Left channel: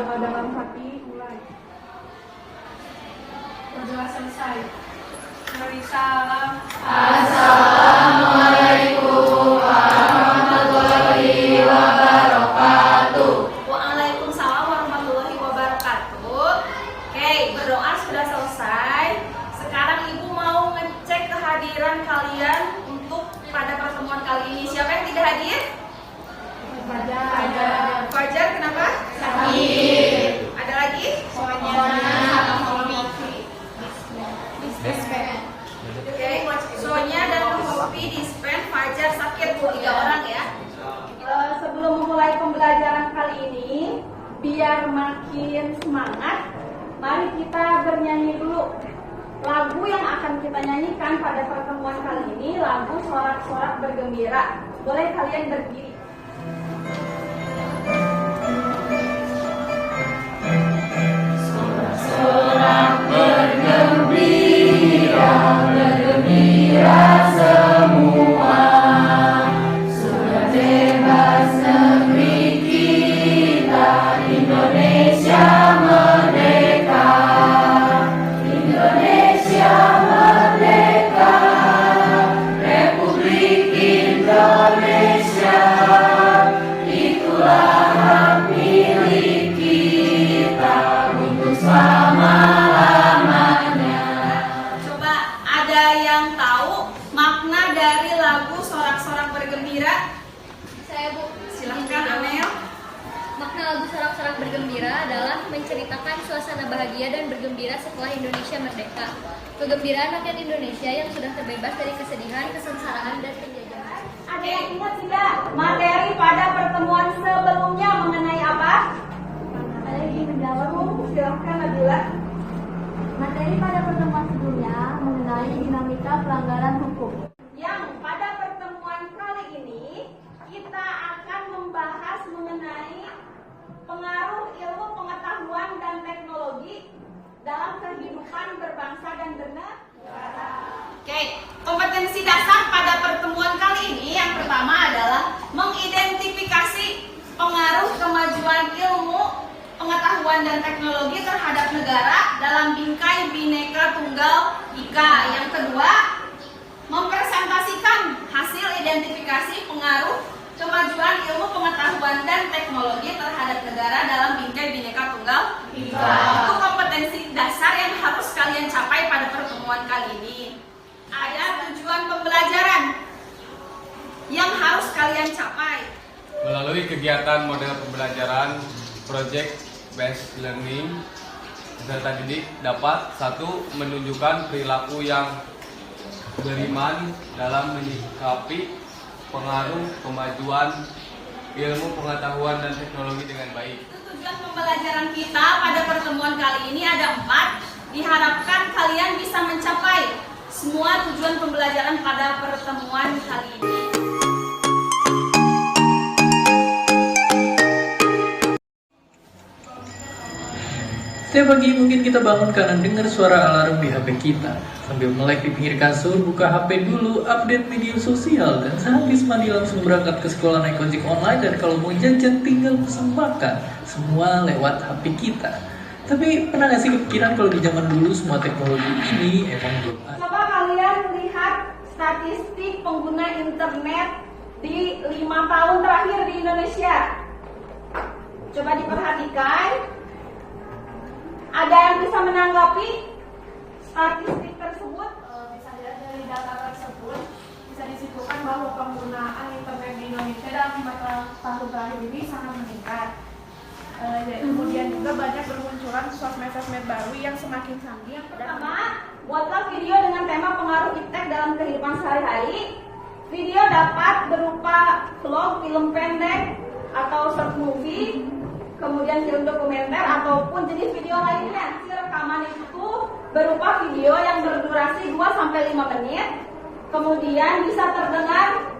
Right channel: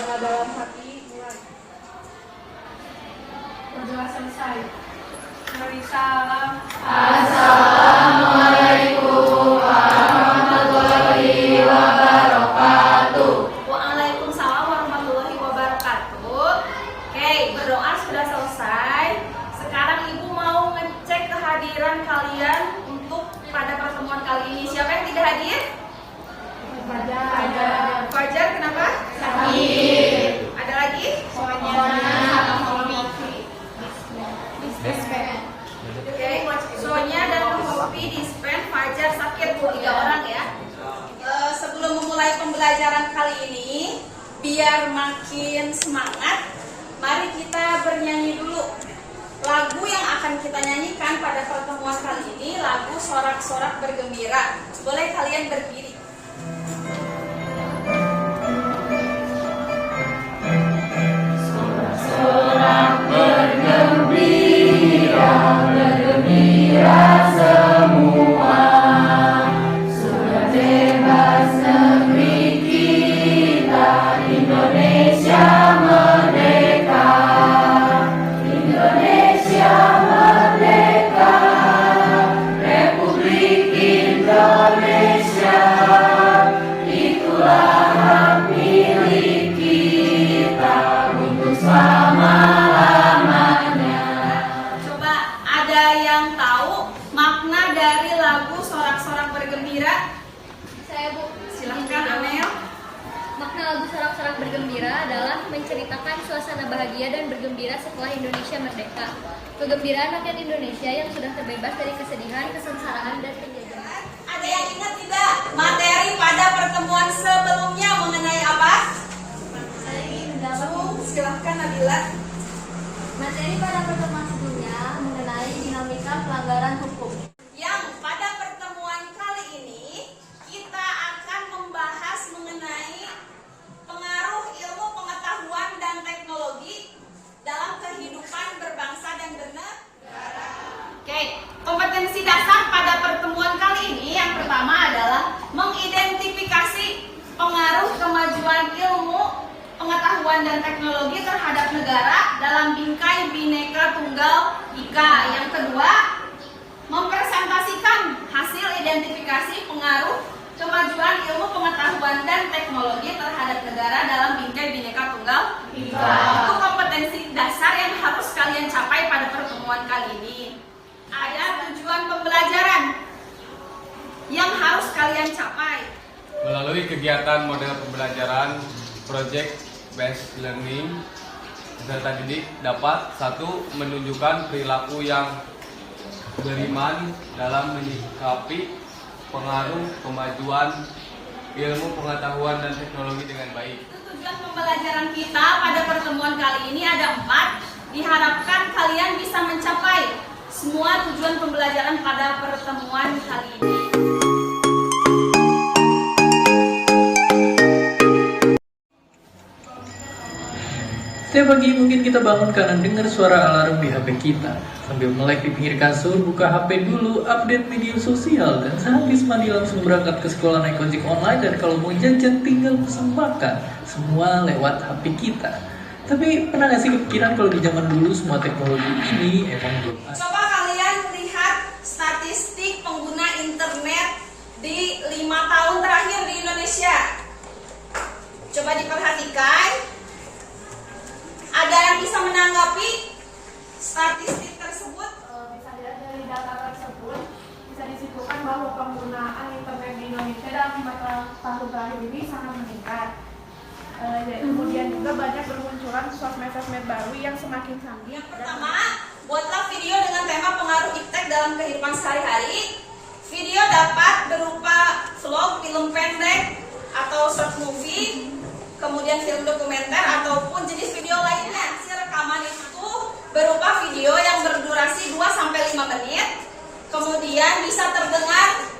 Doa dalam hati mulai. Berdoa selesai. Mari salam. Assalamualaikum warahmatullahi wabarakatuh. Waalaikumsalam warahmatullahi wabarakatuh. Oke, berdoa sudah selesai. Sekarang Ibu mau ngecek kehadiran kalian untuk pada pertemuan kali ini. Siapa yang tidak hadir? Fajar, kenapa? Sakit. Ada lagi? Oke, Sonya dan Hopi Dispen, Fajar sakit, 3 orang ya. Sebelum memulai pembelajaran kali ini, biar makin semangat, mari kita bernyanyi dulu. Lagu yang akan kita nyanyikan pada pertemuan kali ini lagu Sorak-Sorak Bergembira. Boleh kalian berdiri. Sorak bergembira, bergembira semua. Sudah bebas negeri kita, Indonesia merdeka. Indonesia merdeka, Republik Indonesia. Itulah hak milik kita untuk selama-lamanya. Coba ada yang tahu makna dari lagu Sorak-Sorak Bergembira? Saya, Bu. Silahkan Amel. Makna lagu Sorak-Sorak Bergembira adalah menceritakan suasana bahagia dan bergembira setelah Indonesia merdeka. Kegembiraan rakyat Indonesia yang sudah terbebas dari kesedihan, kesengsaraan, dan penjajahan. Ada yang ingat tidak materi pada pertemuan sebelumnya mengenai apa? Silahkan Nabila. Materi pada pertemuan sebelumnya mengenai dinamika pelanggaran hukum. Yang pada pertemuan kali ini kita akan membahas mengenai pengaruh ilmu pengetahuan dan teknologi dalam kehidupan berbangsa dan bernegara. Oke, kompetensi dasar pada pertemuan kali ini yang pertama adalah mengidentifikasi pengaruh kemajuan ilmu pengetahuan dan teknologi terhadap negara dalam bingkai Bhinneka Tunggal Ika. Yang kedua, mempresentasikan hasil identifikasi pengaruh kemajuan ilmu pengetahuan dan teknologi terhadap negara dalam bingkai Bhinneka Tunggal Ika. Itu kompetensi dasar yang harus kalian capai pada pertemuan kali ini. Ada tujuan pembelajaran yang harus kalian capai. Melalui kegiatan model pembelajaran Project Based Learning, peserta didik dapat 1. Menunjukkan perilaku yang beriman dalam menyikapi pengaruh kemajuan ilmu pengetahuan dan teknologi dengan baik. Tujuan pembelajaran kita pada pertemuan kali ini ada 4. Diharapkan kalian bisa mencapai semua tujuan pembelajaran pada pertemuan kali ini. Setiap pagi mungkin kita bangun karena dengar suara alarm di HP kita. Sambil melek di pinggir kasur, buka HP dulu, update media sosial, dan sehabis mandi langsung berangkat ke sekolah naik ojek online, dan kalau mau jajan tinggal pesan makan. Semua lewat HP kita. Tapi pernah gak sih kepikiran kalau di zaman dulu semua teknologi ini emang belum ada? Coba kalian lihat statistik pengguna internet di 5 tahun terakhir di Indonesia. Coba diperhatikan. Ada yang bisa menanggapi statistik tersebut? Bisa dilihat dari data tersebut, bisa disimpulkan bahwa penggunaan internet di Indonesia dalam 5 tahun terakhir ini sangat meningkat. Kemudian juga banyak bermunculan sosmed-sosmed baru yang semakin canggih. Pertama, buatlah video dengan tema pengaruh iptek dalam kehidupan sehari-hari. Video dapat berupa vlog, film pendek, atau short movie, kemudian film dokumenter, ataupun jenis video lainnya. Si rekaman itu berupa video yang berdurasi 2-5 menit, kemudian bisa terdengar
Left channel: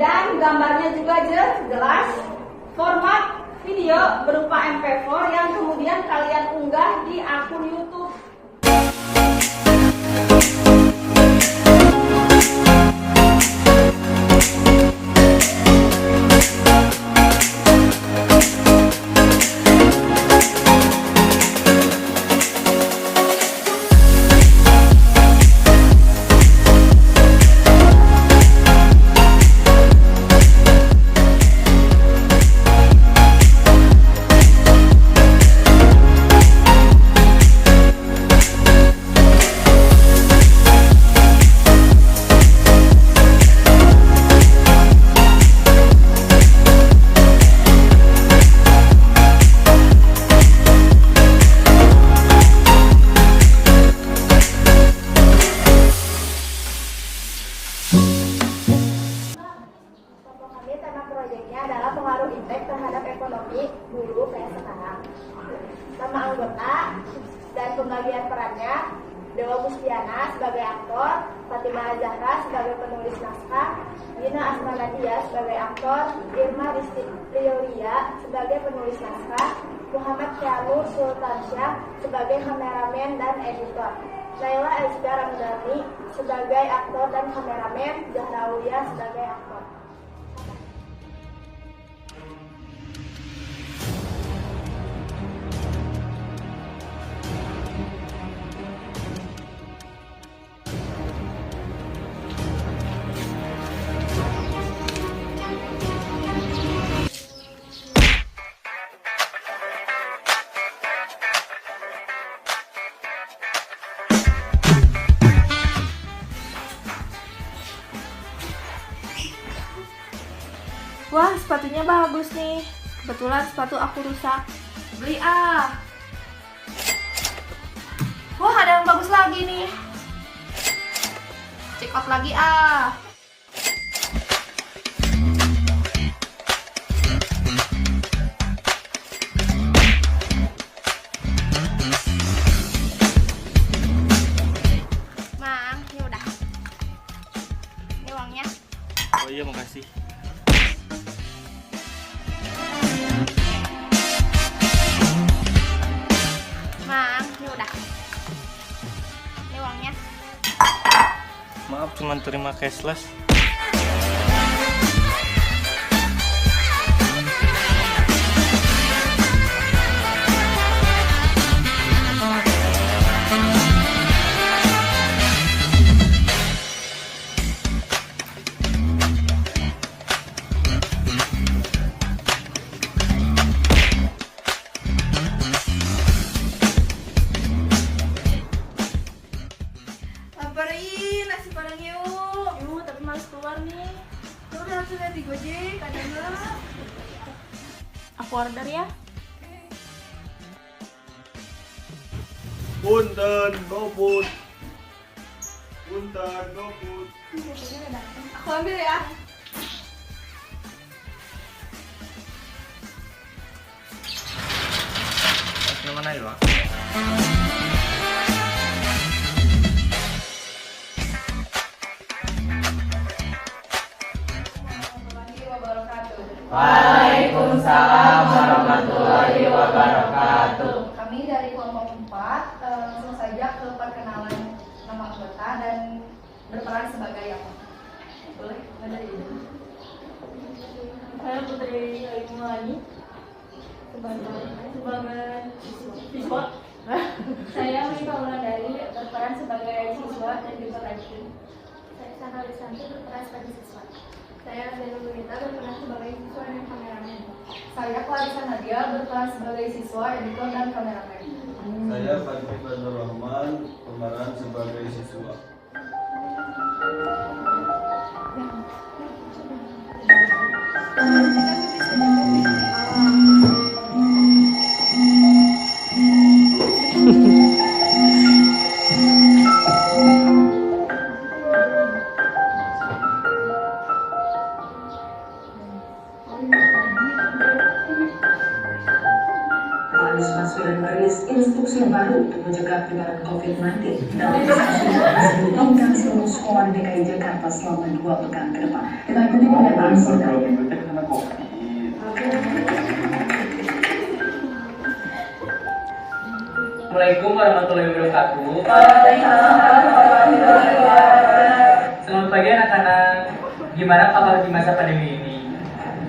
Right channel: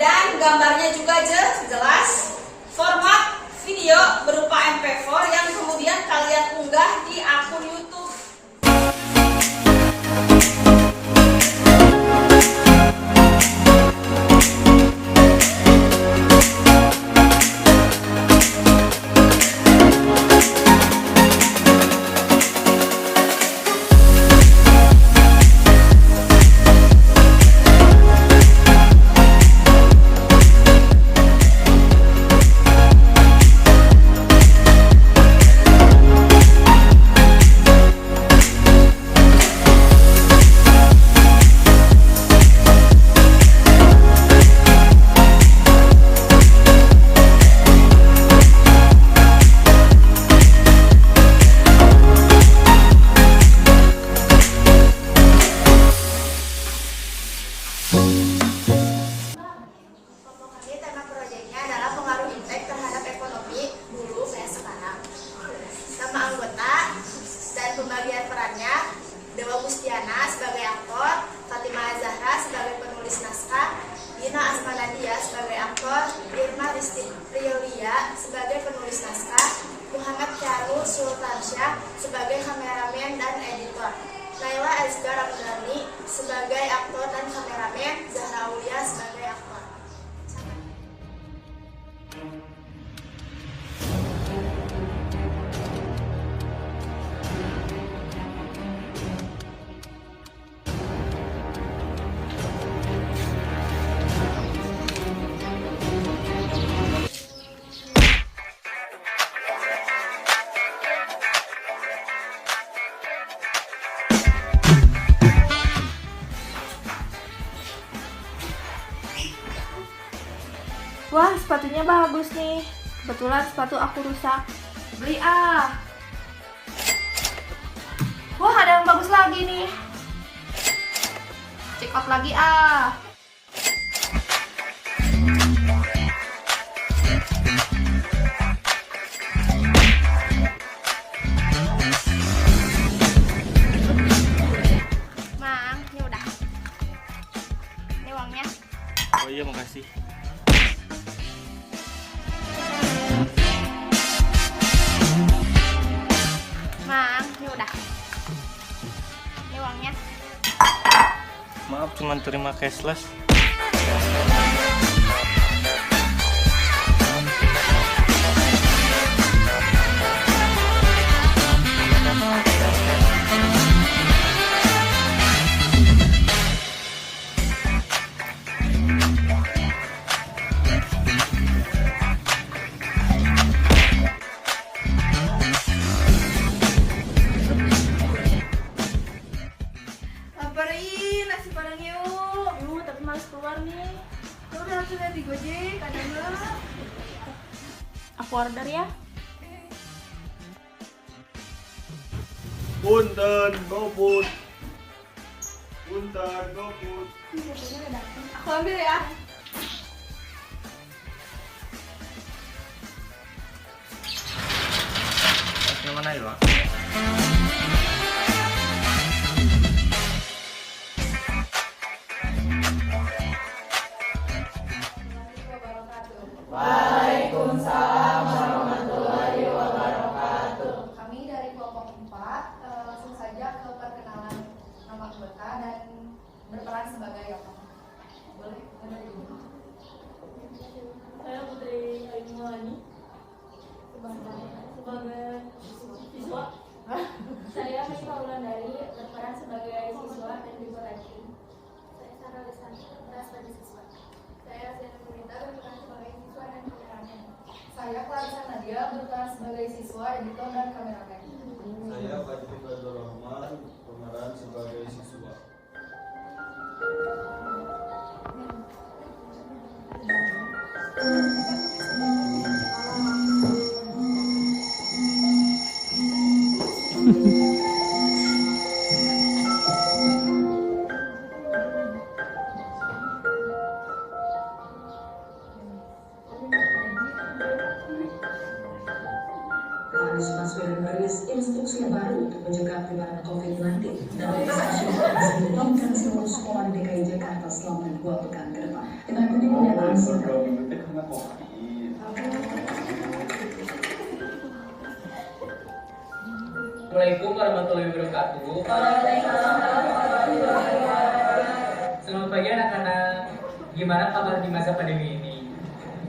dan gambarnya juga jelas. Format video berupa MP4 yang kemudian kalian unggah di akun YouTube. anggota dan pembagian perannya: Dewa Gustiana sebagai aktor, Fatimah Zahra sebagai penulis naskah, Gina Asmanadia sebagai aktor, Irma Risti Priolia sebagai penulis naskah, Muhammad Kianu Sultansyah sebagai kameramen dan editor, Laila Azkar Ramadhani sebagai aktor dan kameramen, Zahra Aulia sebagai aktor. Wah, sepatunya bagus nih. Kebetulan sepatu aku rusak. Beli ah. Wah, ada yang bagus lagi nih. Check out lagi ah. Mang, ini udah. Ini uangnya. Oh iya, makasih. Mang, ini udah. Ini uangnya. Maaf, cuma terima cashless. Laparin, nasi padang yuk. Yuk, tapi males keluar nih. Ya udah langsung aja di Gojek, ada nggak? Aku order ya. Punten, GoFood. Punten, GoFood. Aku ambil ya. Yang mana ya, Pak? Waalaikumsalam warahmatullahi wabarakatuh. Kami dari kelompok 4 langsung saja ke perkenalan nama anggota dan berperan sebagai apa? Boleh? Mana dari ini? Saya Putri Aimulani sebagai siswa. Saya Mika Wulandari berperan sebagai siswa dan juga lanjut. Saya Sarah Lisanti berperan sebagai siswa. Saya Zena Lunita berperan sebagai siswa dan kameramen. Saya Clarissa Nadia berperan sebagai siswa, editor dan kameramen. Saya Fatih Fadlur Rahman, pemeran sebagai siswa. Anies Baswedan merilis instruksi baru untuk mencegah penyebaran COVID-19. Dalam instruksi tersebut disebutkan seluruh sekolah di DKI Jakarta selama 2 pekan ke depan. Dengan pernyataan Assalamualaikum warahmatullahi wabarakatuh. Selamat pagi anak-anak. Gimana kabar di masa pandemi ini?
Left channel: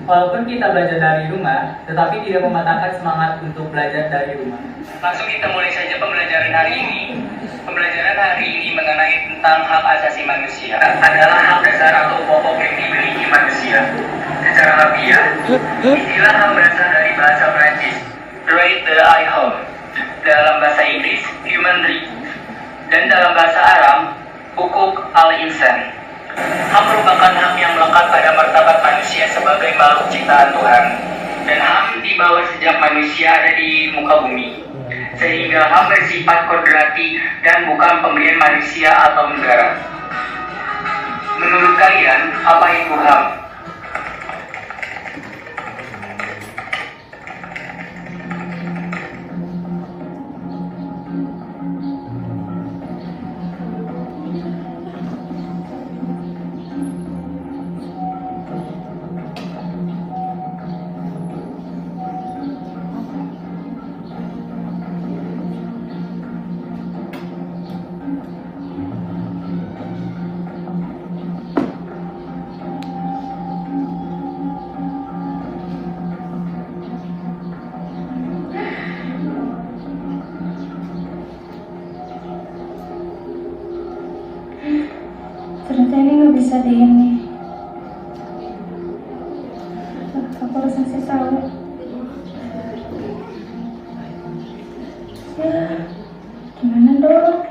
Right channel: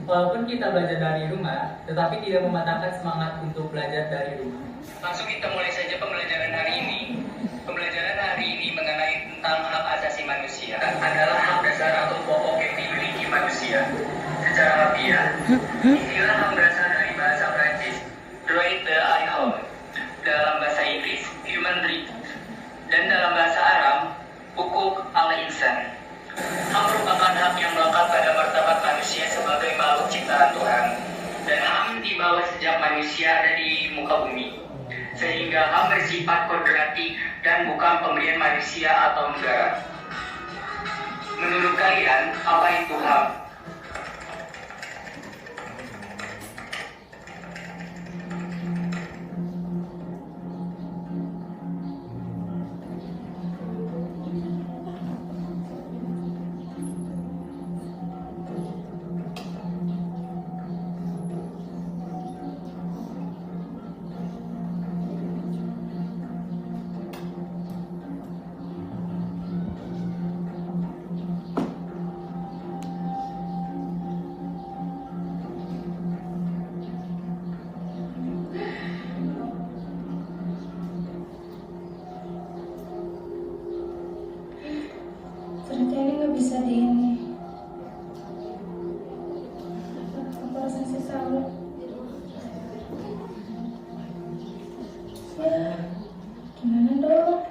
Walaupun kita belajar dari rumah, tetapi tidak mematahkan semangat untuk belajar dari rumah. Langsung kita mulai saja pembelajaran hari ini. Pembelajaran hari ini mengenai tentang hak asasi manusia. Adalah hak dasar atau pokok yang dimiliki manusia. Secara harfiah, istilah hak berasal dari bahasa Prancis, droit de l'homme. Dalam bahasa Inggris, human right. Dan dalam bahasa Arab, hukuk al-insan. HAM merupakan hak yang melekat pada martabat manusia sebagai makhluk ciptaan Tuhan. Dan HAM dibawa sejak manusia ada di muka bumi. Sehingga HAM bersifat kodrati dan bukan pemberian manusia atau negara. Menurut kalian, apa itu HAM? ini nggak bisa di ini. Aku harus ngasih tahu. Ya, gimana dong?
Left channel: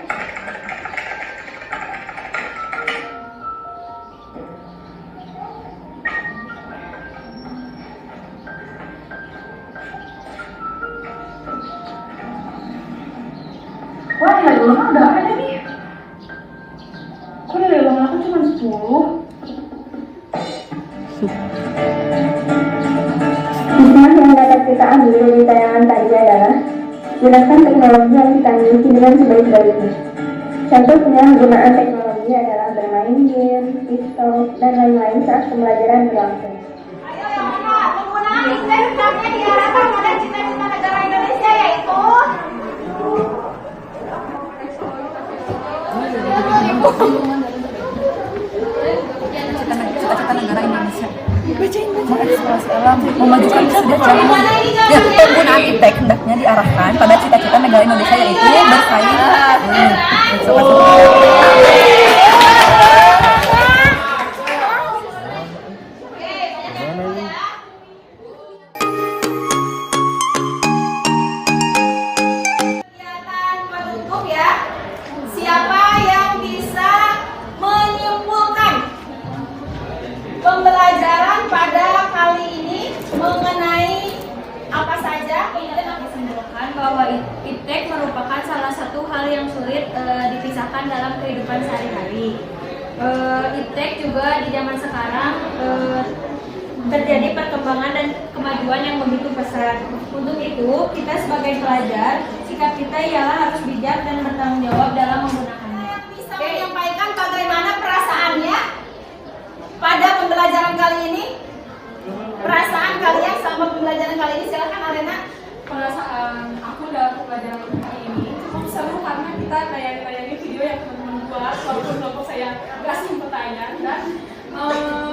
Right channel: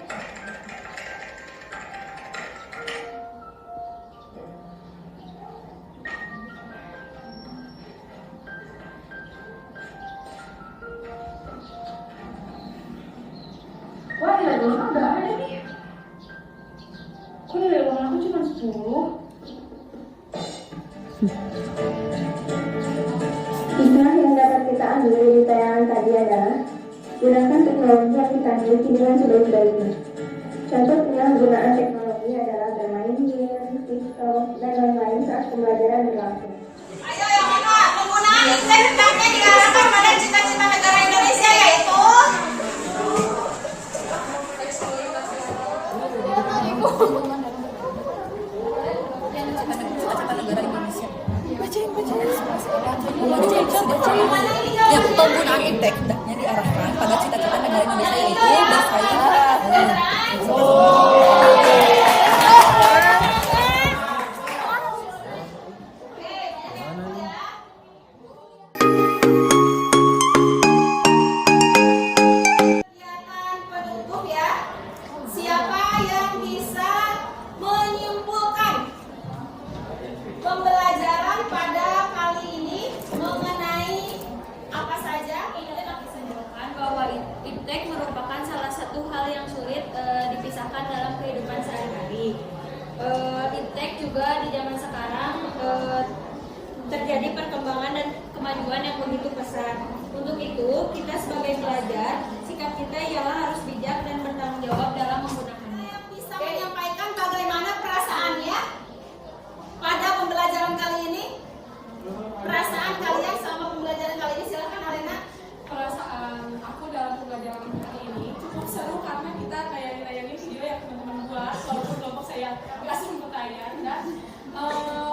Wah, nilai ulangan udah ada nih. Kok nilai ulangan aku cuma 10? Hikmah yang dapat kita ambil dari tayangan tadi adalah gunakan teknologi yang kita miliki dengan sebaik-baiknya. Contoh penyalahgunaan teknologi adalah bermain game, TikTok, dan lain-lain saat pembelajaran berlangsung. Ayo yang mana? Penggunaan iptek hendaknya diarahkan pada cita-cita negara Indonesia yaitu cita-cita negara Indonesia mengeksplorasi alam, memajukan kesejahteraan umum. Ya, penggunaan iptek hendaknya diarahkan pada cita-cita negara Indonesia yaitu bersaing. kegiatan penutup ya. Siapa yang bisa menyimpulkan pembelajaran pada kali ini mengenai apa saja? Simpulkan bahwa iptek merupakan salah satu hal yang sulit dipisahkan dalam kehidupan sehari-hari. Iptek juga di zaman sekarang terjadi perkembangan dan kemajuan yang begitu pesat. Untuk itu, kita sebagai pelajar, sikap kita ialah harus bijak dan bertanggung jawab dalam menggunakannya. Yang bisa menyampaikan bagaimana perasaannya pada pembelajaran kali ini? Perasaan kalian selama pembelajaran kali ini, silakan Alena. Perasaan aku dalam pembelajaran kali ini cukup seru karena kita kayak ngelayanin video yang teman-teman buat, walaupun kelompok saya nggak sempat tayang, dan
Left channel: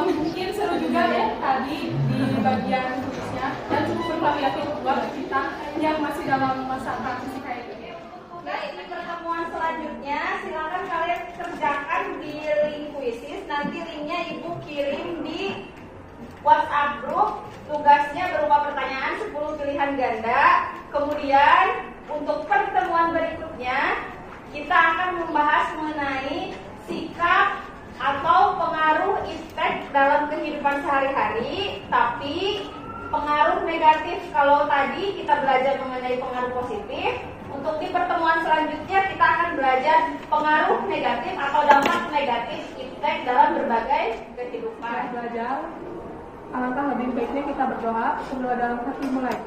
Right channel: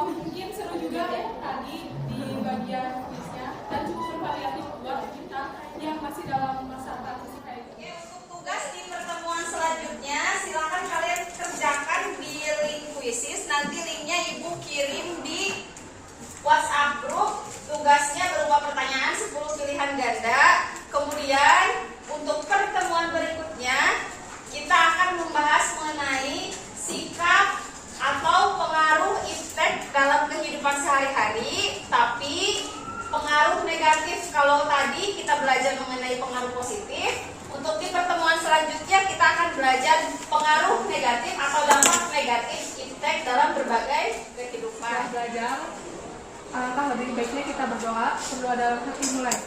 mungkin seru juga ya tadi di bagian tulisnya, dan cukup bervariatif buat kita yang masih dalam masa transisi kayak gini. Tugas di pertemuan selanjutnya silakan kalian kerjakan di link kuisis. Nanti linknya ibu kirim di WhatsApp grup. Tugasnya berupa pertanyaan 10 pilihan ganda. Kemudian untuk pertemuan berikutnya kita akan membahas mengenai sikap atau pengaruh iptek dalam kehidupan sehari-hari, tapi pengaruh negatif. Kalau tadi kita belajar mengenai pengaruh positif, untuk di pertemuan selanjutnya kita akan belajar pengaruh negatif atau dampak negatif iptek dalam berbagai kehidupan. Belajar, alangkah lebih baiknya kita berdoa sebelum dalam hati mulai.